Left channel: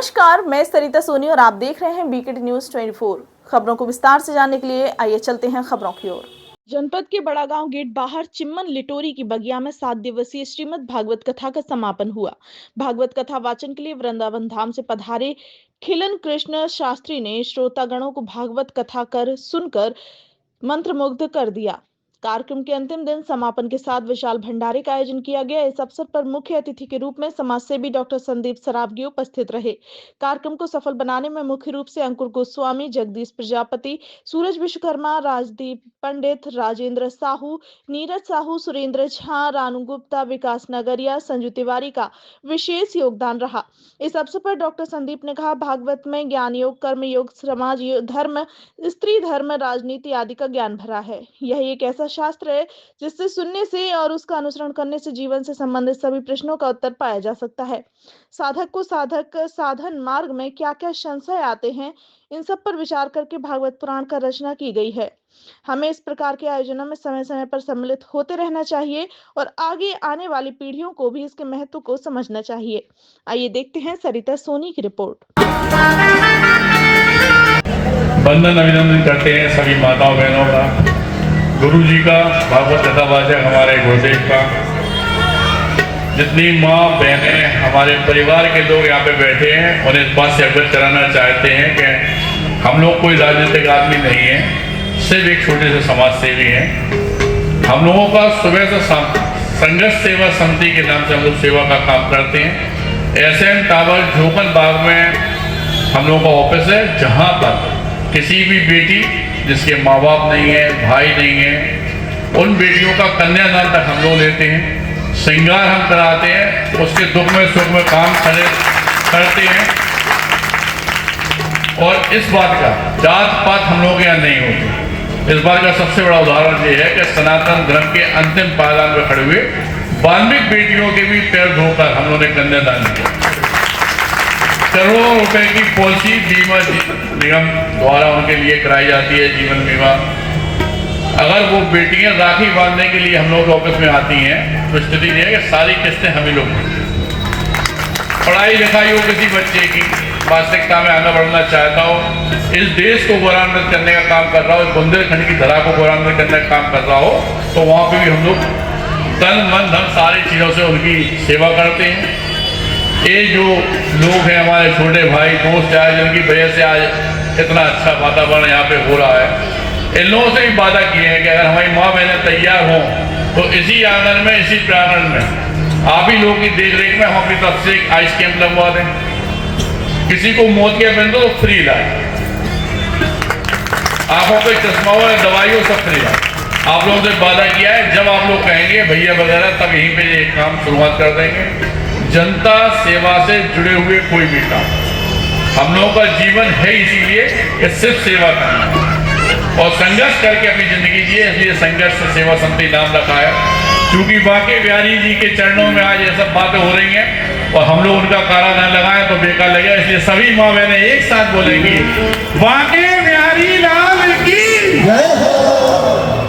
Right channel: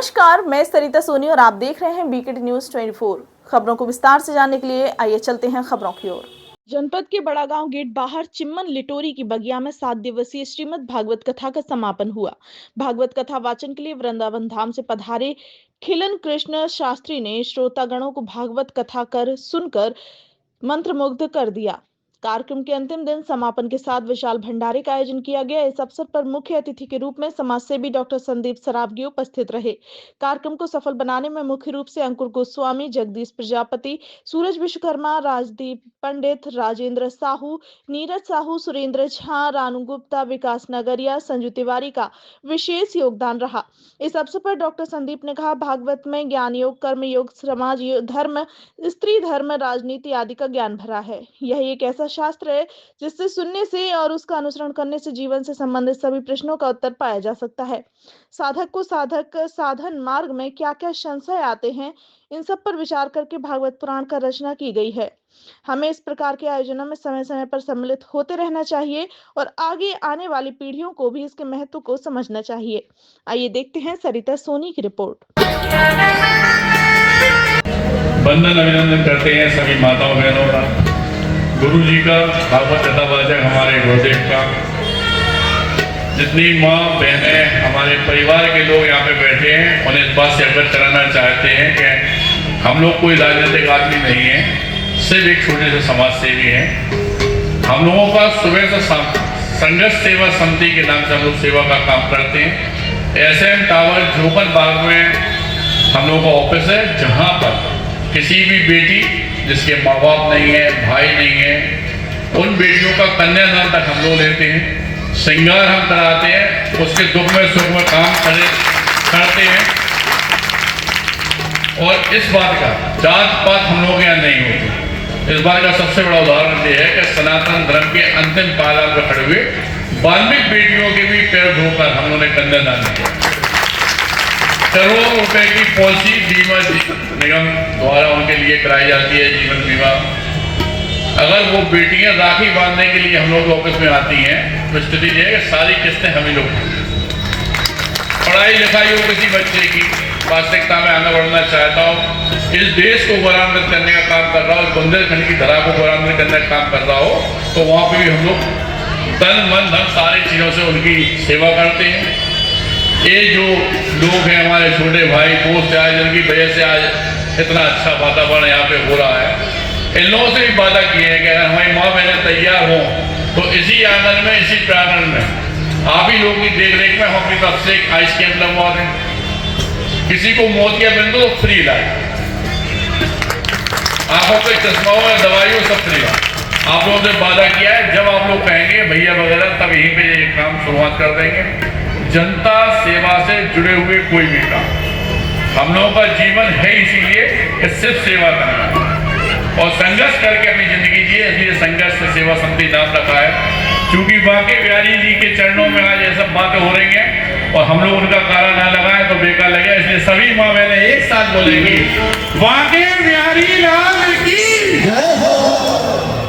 नमस्कार, मैं सरिता सोनी और आप देख रहे हैं बीकेटी न्यूज 24। खबरों को विस्तार से जानने के लिए आइए चलते हैं खबरों की ओर। जनपद के बड़ागांव गेट बाहर चिम्मन लिटोरी की बगिया में 7 दिवसीय श्रीमद् भागवत कथा का समापन हुआ। भागवत कथा वाचन के लिए वृंदावन धाम से पधारे खिलन कृष्ण शास्त्री ने श्रोतागणों को भागवत कथा कर सुनकर मंत्रमुग्ध कर दिया। कार्यक्रम के अंतिम दिन समापन के साथ विशाल भंडारे का आयोजन किया गया। इस अवसर पर मुख्य अतिथि के रूप में समाजसेवी डॉक्टर संदीप सरावगी उपस्थित रहे। कार्यक्रम को सफल बनाने में मुख्य रूप से अंकुर गोस्वामी, जगदीश प्रजापति, सूरज विश्वकर्मा, राजदीप पंडित, राजेंद्र साहू, नीरज साहू, सुरेंद्र झा, रानू गुप्ता, विकास नगरिया, संजू तिवारी का विशेष योगदान रहा। इस अवसर पर डॉक्टर संदीप ने कहा, भागवत में ज्ञान योग, कर्म योग, समाज धर्म, स्त्री धर्म, राजनीति आदि का ज्ञान भरा है। यह एक ऐसा शास्त्र है जिससे सुनने से और उसका अनुसरण करने से जीवन से संबंधित सभी प्रश्नों का उत्तर पाया जा सकता है। साधक को साधन मार्ग में क्या क्या संशय आते हैं, इन सब पर विचार करके भागवत पुराण का रचना की गई है। हमें इस प्रकार के आयोजनों में समय समय पर सम्मिलित होते रहना चाहिए और आगे आने वाली पीढ़ियों को भी इसके महत्व को समझना चाहिए। आइए देखते हैं सरिता सोनी की रिपोर्ट। वंदन अभिनंदन करते हैं सभी माताओं बहनों का, गुरु जी का, भागवत कथा वाचक हमारे गुरुदेव का, जितनी माँ बहनें हमारे परिवार के लोग यहाँ पे बैठे हैं और इस बात से अवगत कराना चाहते हैं कि हम लोग कोई राजनीतिक आदमी नहीं है, सिर्फ एक छोटे से समाज सेवी हैं। हम लोगों का सुबह से संघर्ष सेवा समिति के नाम से हम लोग सेवा का काम करते हैं। एसएन टावर झोपन बाग में हम लोगों का ऑफिस है, जहाँ पर किसी भी बेटी जिसके माँ बाप नहीं है, भाई नहीं है, उन बेटियों का कन्यादान तक हम लोग लेते हैं, श्रृंगार हम कराते हैं, उसके दुख में सुख में काम करते हैं। और इस बात का जात पात हम लोग यहाँ नहीं होते। इस बात का सबसे बड़ा उदाहरण ये है कि सनातन धर्म के अंतिम पायदान पर खड़े हुए वाल्मीकि बेटियों के भी पैर धोकर हम लोगों ने कन्यादान किया। करोड़ों रुपए की पॉलिसी बीमा निगम द्वारा उनके लिए कराई जाती है, जीवन बीमा। अगर वो बेटियां राखी बांधने के लिए हम लोग ऑफिस में आती हैं तो स्थिति ये है कि सारी किस्तें हम ही लोग, पढ़ाई लिखाई हो किसी बच्चे की, वास्तविकता में आगे बढ़ना चाहता हो, इस देश को गौरवान्वित करने का काम कर रहा हो, इस बुंदेलखंड की धरा को गौरवान्वित करने का काम कर रहा हो, तो वहाँ पे भी हम लोग तन मन धन सारी चीजों से उनकी सेवा करते हैं। ये जो लोग हैं हमारे छोटे भाई दोस्त आए, जिनकी वजह से आज इतना अच्छा वातावरण यहाँ पे हो रहा है, इन लोगों से भी वादा किए हैं कि अगर हमारी माँ बहनें तैयार हों तो इसी आंगन में, इसी प्रांगण में आप ही लोगों की देख रेख में हम अपनी तरफ से एक आइस कैंप लगवा दें। किसी को मोतिया बिंदु तो फ्री इलाज, आंखों पे चश्मा हो या दवाई हो, सब फ्री इलाज। आप लोगों से वादा किया है, जब आप लोग कहेंगे भैया वगैरह, तब यहीं पे ये काम शुरुआत कर देंगे। जनता सेवा से जुड़े हुए कोई भी काम, हम लोगों का जीवन है इसीलिए कि सिर्फ सेवा करना और संघर्ष करके अपनी जिंदगी जिए, इसलिए संघर्ष सेवा समिति नाम रखा है। क्योंकि बांके बिहारी जी के चरणों में आज ये सब बातें हो रही हैं और हम लोग उनका कारा न लगाए तो बेकार लगेगा, इसलिए सभी माँ बहनें एक साथ बोलेंगी, बांके बिहारी लाल की जय हो,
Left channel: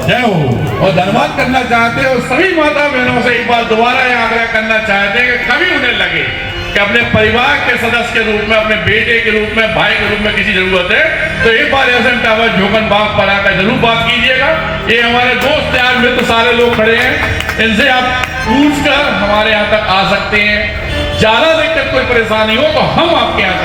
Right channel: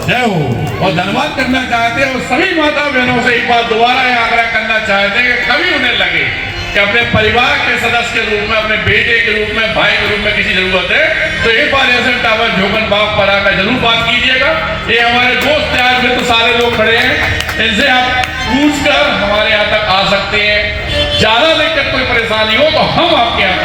जय हो। और धन्यवाद करना चाहते हैं और सभी माता बहनों से एक बार दोबारा यह आग्रह करना चाहते हैं कि कभी उन्हें लगे कि अपने परिवार के सदस्य के रूप में, अपने बेटे के रूप में, भाई के रूप में किसी जरूरत है तो एक बार एसएन टावर झोपन बाग पर आकर जरूर बात कीजिएगा। ये हमारे दोस्त यार मित्र सारे लोग खड़े हैं, इनसे आप पूछकर हमारे यहाँ तक आ सकते हैं। ज्यादा दिक्कत कोई परेशानी हो तो हम आपके यहाँ